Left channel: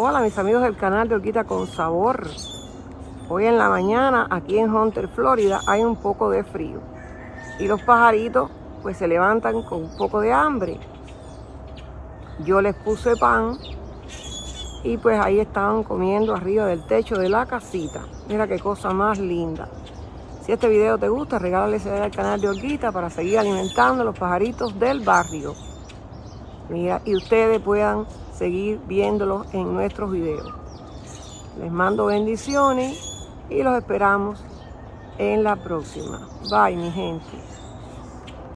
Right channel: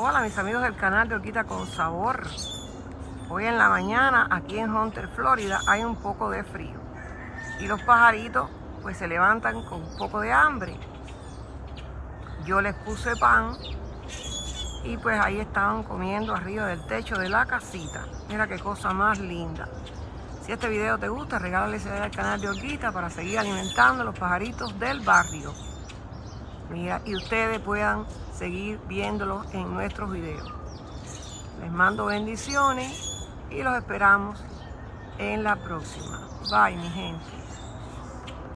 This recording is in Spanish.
Hola mis amigos del canal de Olguita con Sabor. Hoy en la mañana aquí en Hunter, Florida, hay un poco de frío y los pajaritos pues se levantan con un poco de hambre. Yo les puse pan y pues ahí estaban comiendo arriba del techo de la casita. Mira qué cosa más linda. Si este video te gusta, regálale ese al canal de Olguita para seguir alimentando a los pajaritos del barrio. Mira, y ustedes puedan seguir viéndolos en nuestros videos. Les mando bendiciones y los esperamos en la próxima. Bye, mi gente.